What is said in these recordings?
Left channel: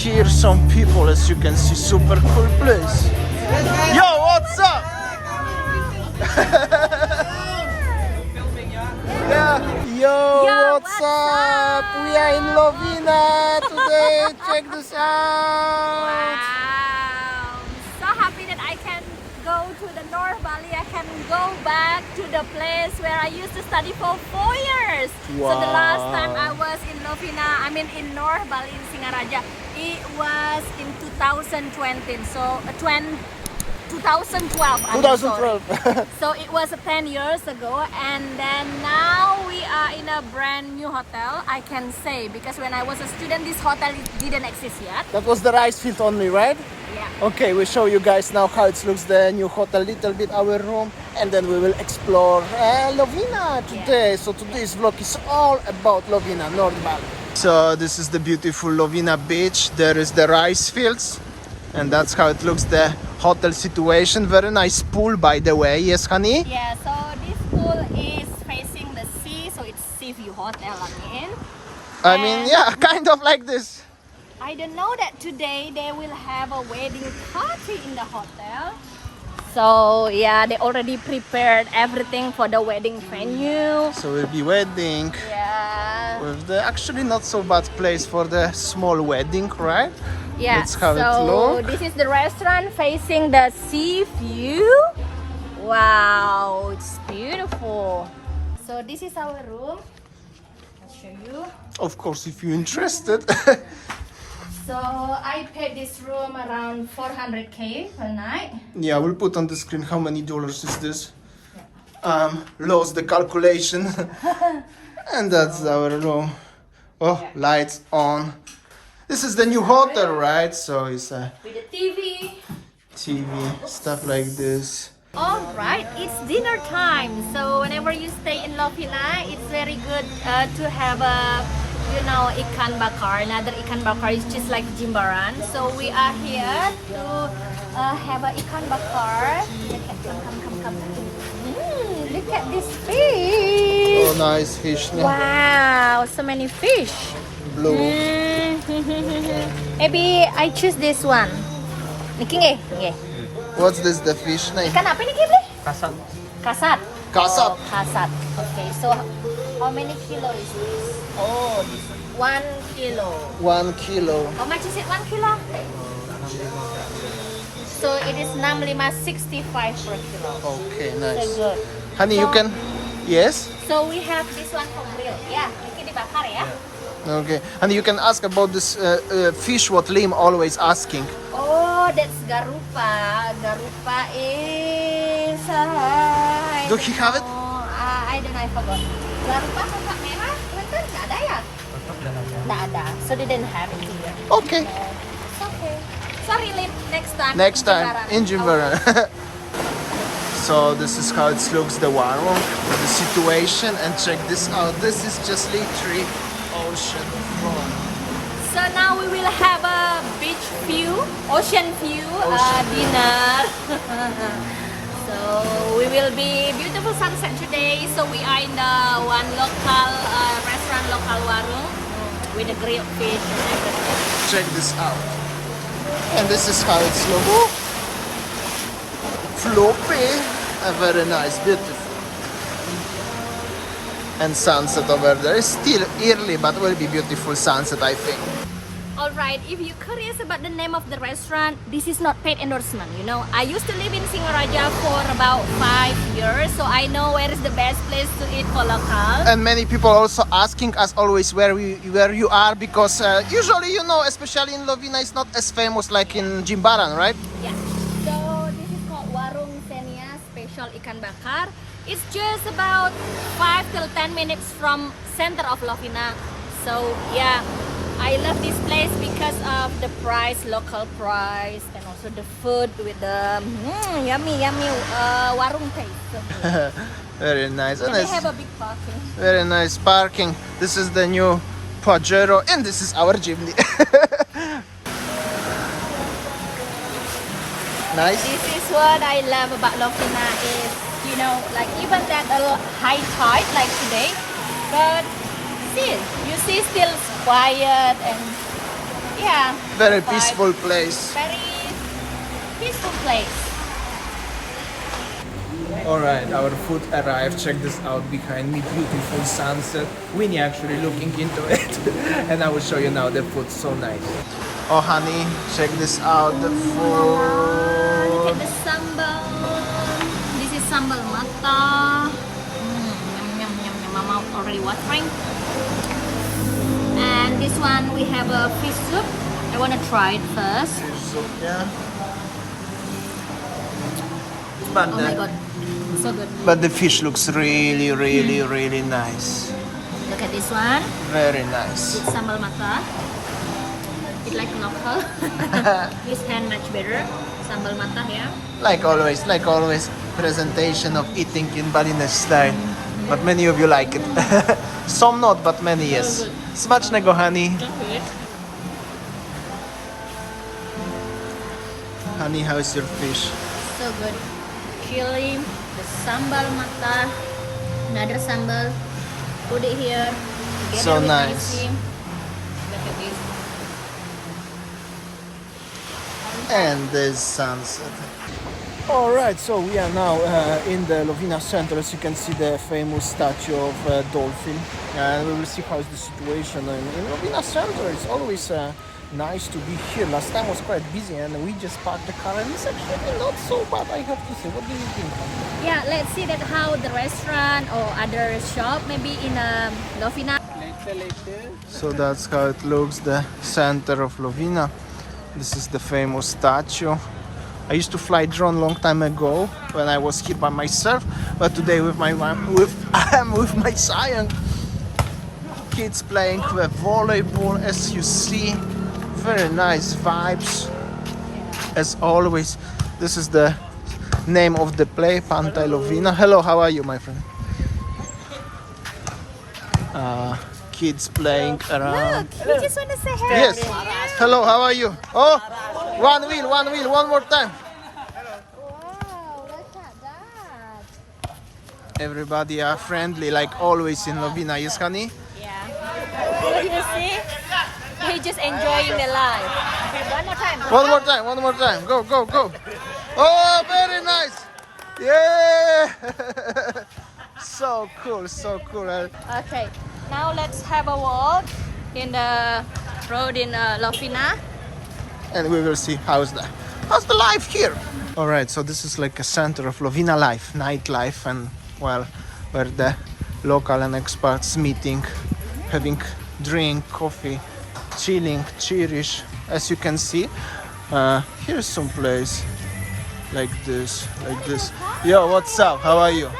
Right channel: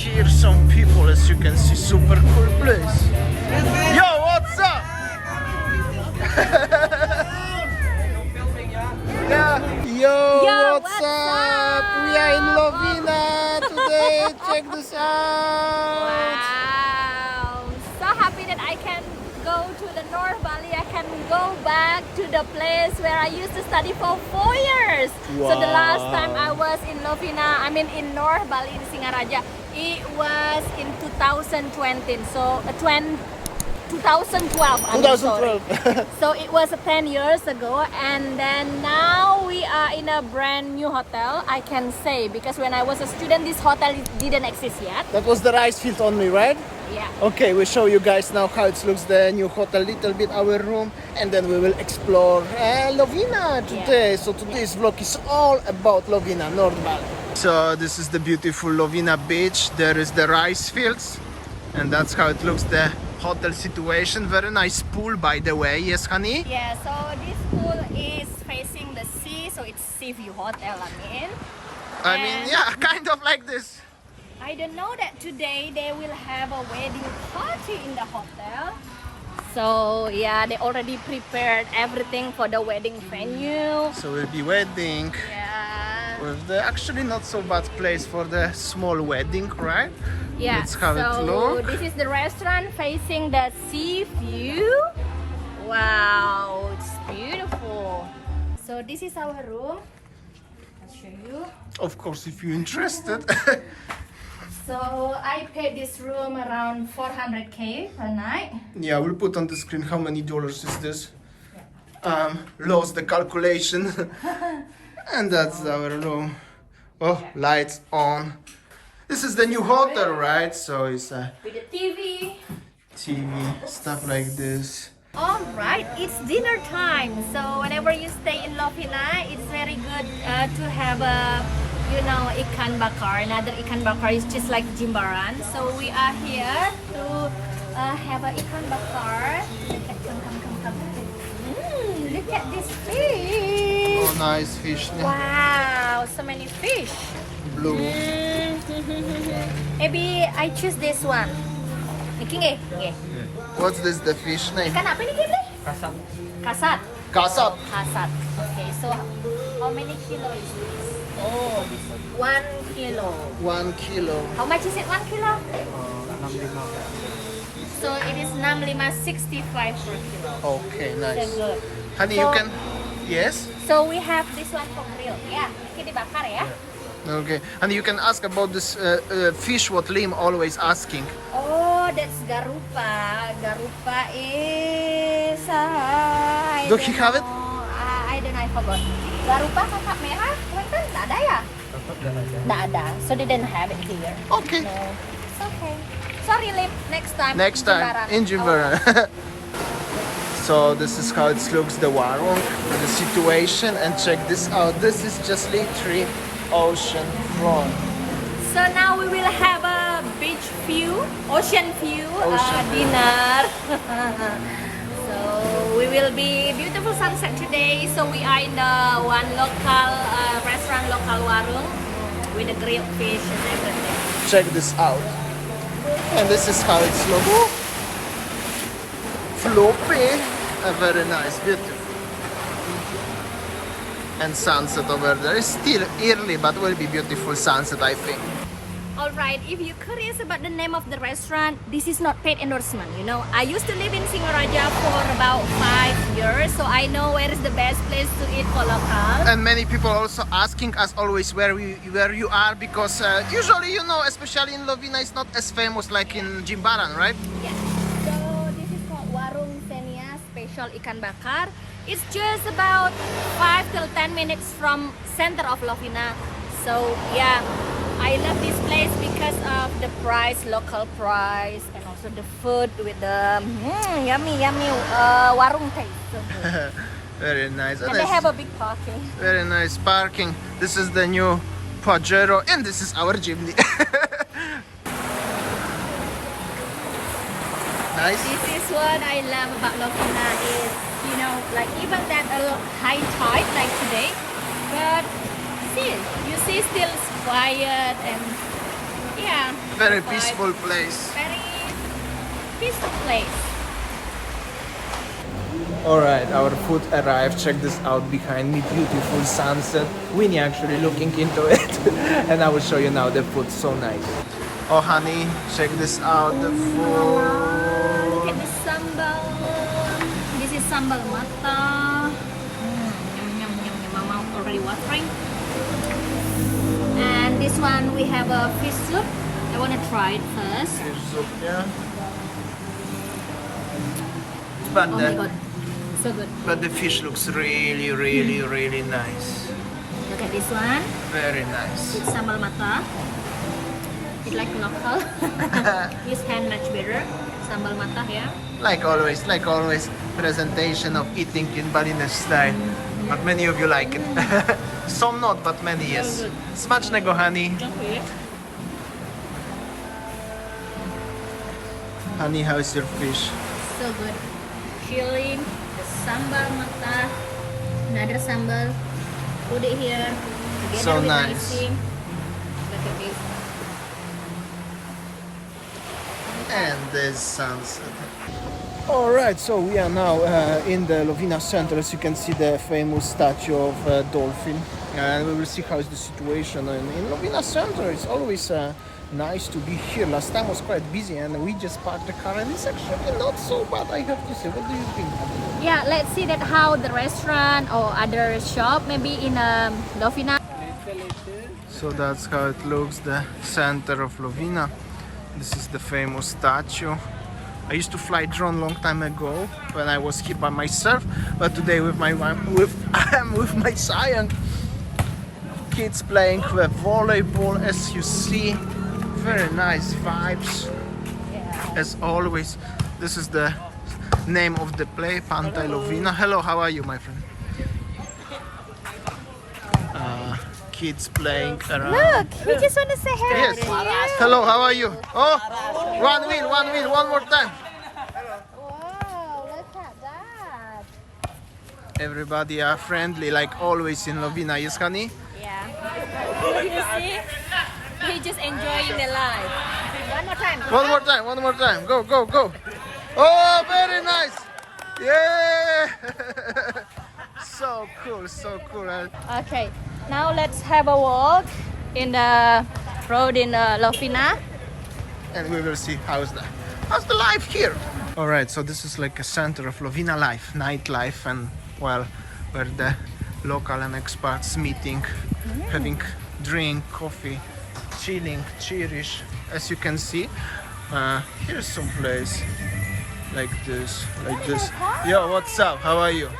Here some people, as you can see, super cool place. Yo, what's up? Yeah. Yo, what's up? We are in Lovina today. Check this out. Wow! So happy that I can go to the North Bali. I can go back to the place where I used to study for 4 years. Wow. So the last time I was in Lovina, in North Bali in Singaraja, it was in 2020. So 2012. 2012. So it was 10 years ago, and then now we are in a brand new hotel, I can say, because when I was a student, this hotel didn't exist yet. That was the rice field only, right? Yeah. Okay, we'll show you guys now how it looks, the new hotel, little bit our room, and then we will explore Lovina today. So today's vlog is all about Lovina North Bali. So this is the beautiful Lovina Beach. There is the rice fields, and that's how it looks, the hotel situation. Very nice pool, by the way. Yes, honey? Yeah, so this pool is facing the sea, so it's sea view hotel, I mean, yeah, kind of like this. I don't know that today they will have a wedding party in the hotel. So yeah, they already prepared everything for the wedding venue. So we'll be wedding. Yeah. With the actually not so bad place for the small wedding, right? Yeah, That's how it so looks. this is the restaurant facing the sea view. Wow, it's beautiful. So this is our room. I'll show you. Of course, if you're interested. So I paid this room around 400K per night. Yeah, we'll put on the screen how many dollars is this. Lost the calculation. And that's our room. Oh, lights on. This is the new hotel, right? So it's a With the TV. TV, stuff like this. All right, it's dinner time. So whenever you stay in Lovina, it's very good to have a, Ikan Bakar. Another Ikan Bakar is just like Jimbaran. So we are here to have a Ikan Bakar. Come. Look at this fish. Oh, nice fish. Yeah. Wow, so many fish. Blue. Maybe I choose this one. Okay. What's this, the fish name? Ikan apa ni kita? Kasap. Kasat. Kasap. Kasat. Okay, so how many kilo is this? Oh, 1 kilo. 1 kilo. How much is it? 1 kilo? 65 per kilo. So it is 65 per kilo. Okay, So nice. good. Honey, So- you can... Yes? So we have this one for grill. Yeah, ini dibakar ya. Okay. And you can ask about this fish what Lim always asking. Oh, that's garupa. Garupa is I Do he have it? I don't know, I forgot. Garupa kakak merah, teman-teman, nggak ada ya? Tetap dah ada. Nggak ada. So they didn't have it here. Okay. So, it's okay. Sorry, Lim. Next time. Next time in Jimbaran. So this is how it looks, the warung, the situation, and check this out. This is just literally ocean front. So now we will have a beach view, ocean view, Ocean view. dinner. So we will be beautiful sunset today. So we are in the one local restaurant, local warung, with the grilled fish and everything. Check this out. And this is how it's looks. Floppy. Very nice, beautiful. And sunset over there. It's still early, but will be beautiful sunset, I think. Alright, if you're curious about the name of the restaurant, this is not paid endorsement, I used to live in Singaraja for about 5 years, so I know where is the best place to eat for local. And many people also asking us always where you are, because usually, especially in Lovina, it's not as famous like in Jimbaran, right? Yeah, so this is called Warung Senia Special Ikan Bakar. It's just about 5 till 10 minutes from center of Lovina. So yeah, I love this place because of the price, local price, and also the food with the yummy warung taste. So good. Very nice. And they have a big parking. Very nice parking. This is the new Pajero, and this is our Jimny. Nice. This is what I love about Lovina is, like even at a high tide like today, but still, you see still it's quiet and Yeah. Very vibe. peaceful place. Very peaceful place. Alright, our food arrived. Check this out behind me. Beautiful sunset. Winnie actually looking into it. And I will show you now the food. So nice. Oh honey, check this out. The Look food. at the sambal. This is sambal mata. Yum, yum, yum, yum. My mouth already watering. And this one we have a fish soup. I want to try it first. Soup, yeah. But Oh my god, so good. But the fish looks really, really, really nice. Look at this one. Very nice. With sambal mata. It's like local. This hand much better. Sambal mata, yeah. Like always, presentation of eating in Balinese style. But many of you like it. Some not, but many yes. Smacznego, honey. Honey, how's your fish? So good. Chilling. The sambal mata. Another sambal. Put it here. Together So with nice. icing. Look at this. And the sunset. Alright, so we are now in the Lovina Center. As you can see, the famous statue of dolphin. And we will see how is the situation in Lovina Center. It's always nice to be here. Last time was quite busy and we just parked the car and it's actually not so bad, I have to say. What do you think? Yeah, let's see that how the restaurant or other shop maybe in Lovina. So that's how it looks, the center of Lovina. This is the famous statue. I used to fly drone long time ago when I was here by myself, but today with my with my son. Kids playing with volleyball, as you see. Very nice vibes. As always, this is the name of the play, Pantai Lovina. Hello, how are you, my friend? Kids playing around. We just want to say hello. Yes. Hello, how are you? Oh, one wheel, one more time. Everybody are friendly, like always in Lovina, yes, honey? Yeah. You see? He just enjoying the life. One more time. Go. Oh, very nice. Yeah. So cool. Okay. Now let's have a walk in the road in Lovina. And we will see how's the life here. All right, so this is like a center of Lovina life, nightlife, and well, where the local and expats meeting, having drink, coffee, chilling, cheerish. As you can see, here's some place like this. Yo, what's up? How are you?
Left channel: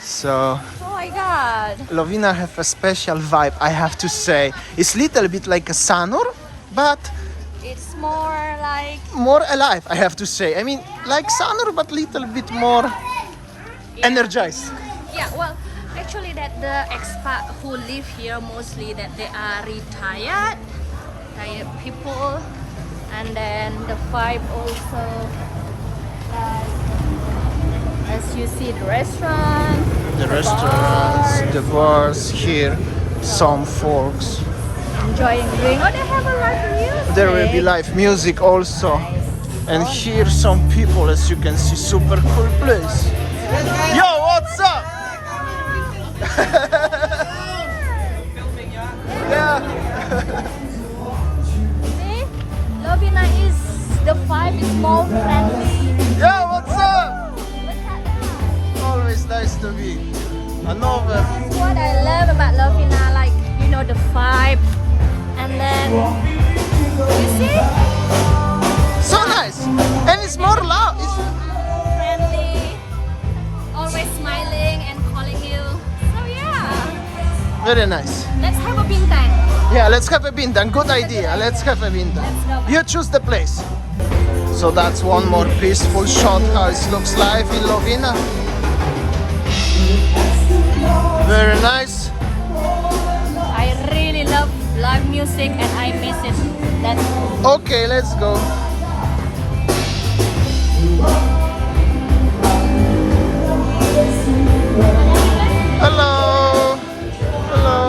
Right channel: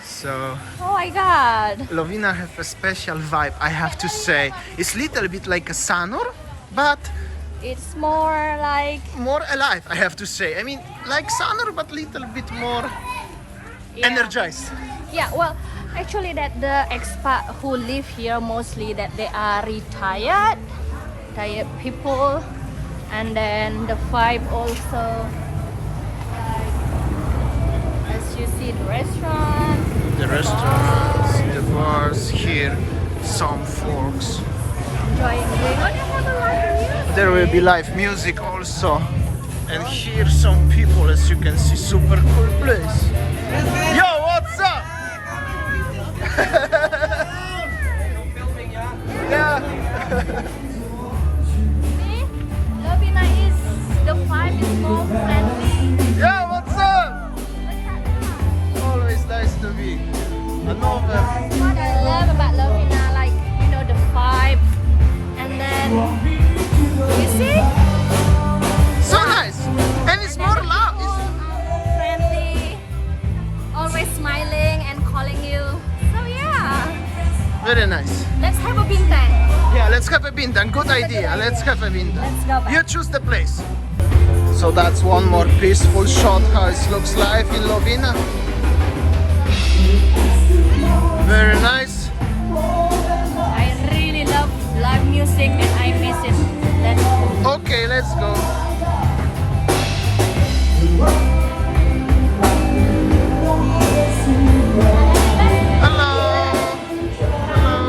So Oh my god. Lovina have a special vibe, I have to say. It's little bit like a Sanur, but It's more like more alive, I have to say. I mean, like Sanur, but little bit more energized. yeah, well, actually that the expat who live here mostly that they are retired people, and then the vibe also as you see the restaurant, The restaurants, the bars here, some folks. enjoying drink. Oh, they have a live music. There will be live music also. And here some people, as you can see, super cool place. Yo, what's up? Yeah. See, Lovina is the vibe is more friendly. Yo, what's up? Look at that. Always nice to be. Another. That's what I love about Lovina, like you know the vibe, and then you see. So nice. And it's more loud. People are friendly, always smiling and calling you. So yeah, Very nice. let's have a bintang. Yeah, let's have a bintang. Good idea. idea. Let's have a bintang. Let's go back. You choose the place. So that's one more peaceful shot how it looks like in Lovina. Very nice. I really love live music and I miss it. Let's go. Okay, let's go. Hello. Hello.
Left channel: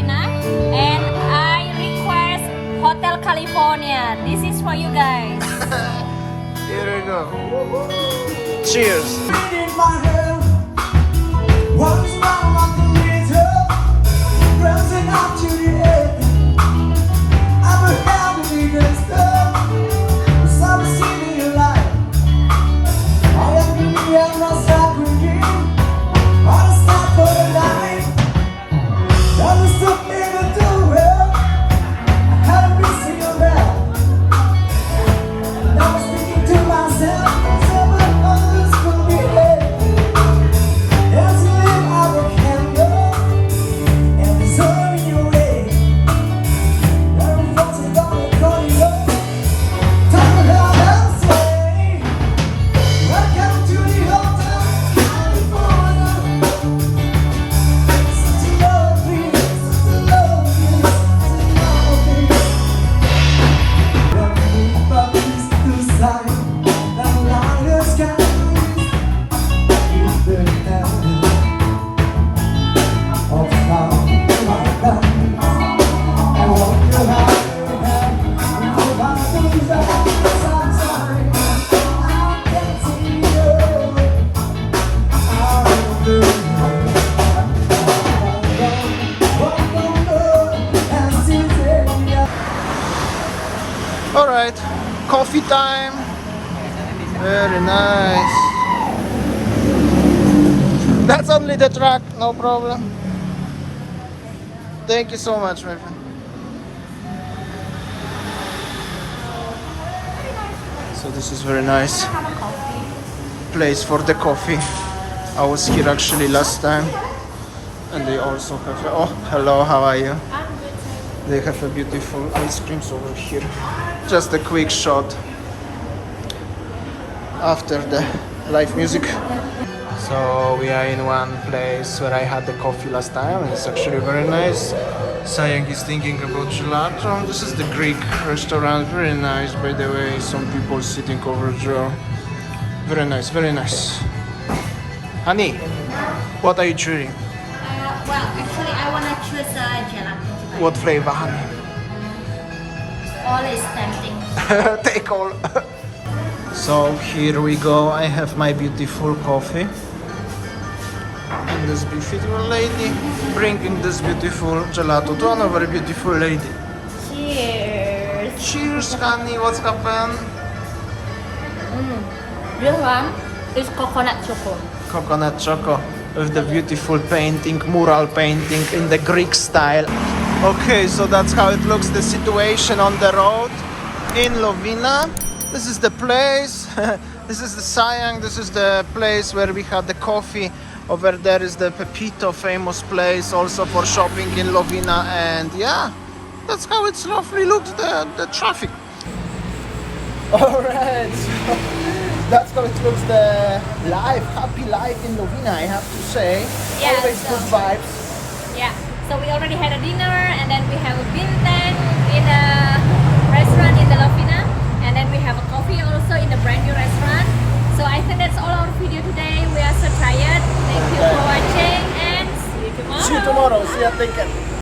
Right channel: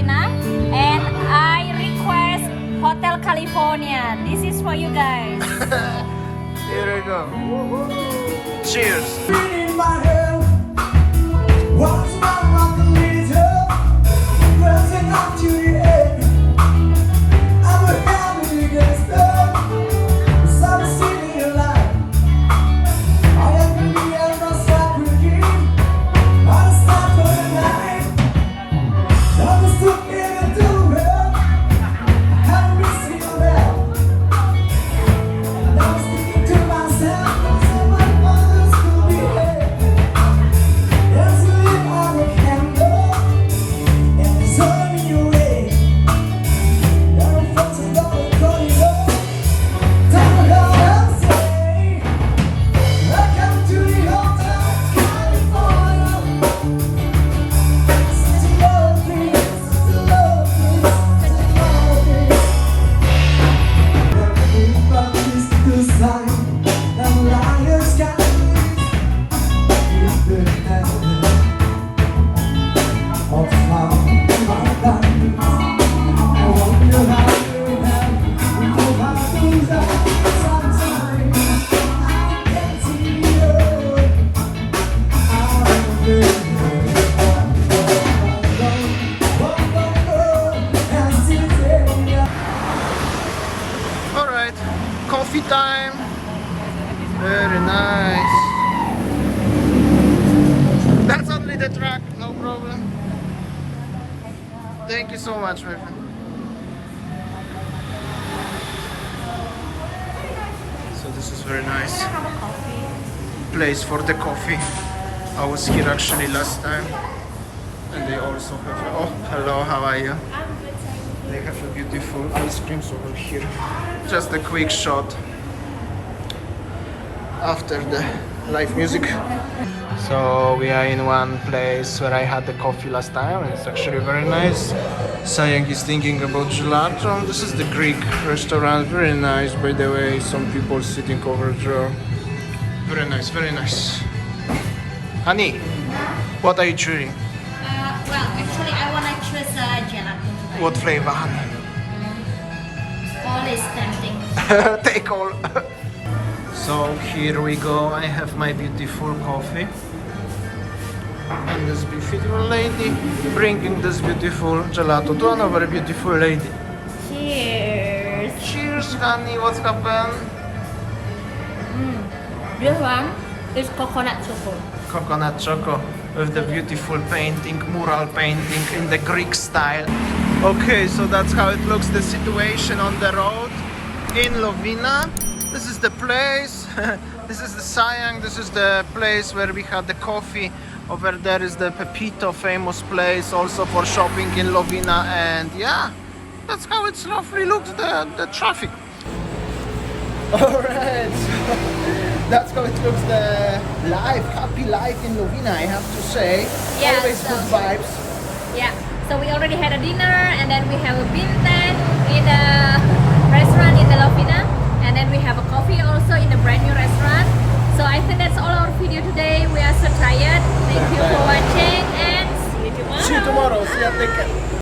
Lovina, and I request Hotel California. This is for you guys. Here we go. Cheers. In my head, once more like a meter, rising up to the air. I'm a heavy gangster, so I'm singing your life. I am really on the side with you, on the side for the night. I was so near to it, how do we see you there? And I was thinking to myself, someone others could be there. As we live out of candle, and there's all in your way. Every folks are gonna call you up. Time to go and say, welcome to the Hotel California. Such a lovely, such a lovely, such a lovely. When we move up east to south, and lions skies, we've been down of how my body. I want you happy, we go back to that sometime. I can see you. I'm doing what the world has to say. Alright, coffee time. Very nice. That's only the track, no problem. Thank you so much, my friend. So this is very nice place for the coffee. I was here actually last time, and they also have. Oh, hello, how are you? They have a beautiful ice creams over here. Just a quick shot after the live music. So we are in one place where I had the coffee last time, and it's actually very nice. Sayang is thinking about gelato. This is the Greek restaurant, very nice by the way. Some people sitting over there. Very nice, very nice. Honey, what are you chewing? Well, actually, I wanna choose gelato today. What flavor, honey? All is tempting. Take all. So here we go. I have my beautiful coffee, and this beautiful lady bringing this beautiful gelato to another beautiful lady. Cheers. Cheers, honey. What's happened? This one is coconut choco. Coconut choco with the beautiful painting, mural painting in the Greek style. Okay, so that's how it looks, the situation on the road in Lovina. This is the place. This is the Sayang. This is the place where we had the coffee. Over there is the Pepito, famous place also for shopping in Lovina. And yeah, that's how it's roughly looks, the traffic. Alright, so that's how it looks, the life, happy life in Lovina, I have to say. Yeah, Always so- good vibes. Yeah. So we already had a dinner, and then we have a bintang in a restaurant in the Lovina, and then we have a coffee also in a brand new restaurant. So I think that's all our video today. We are so tired. Thank you for watching, and see you tomorrow. See you tomorrow. See you. Take care.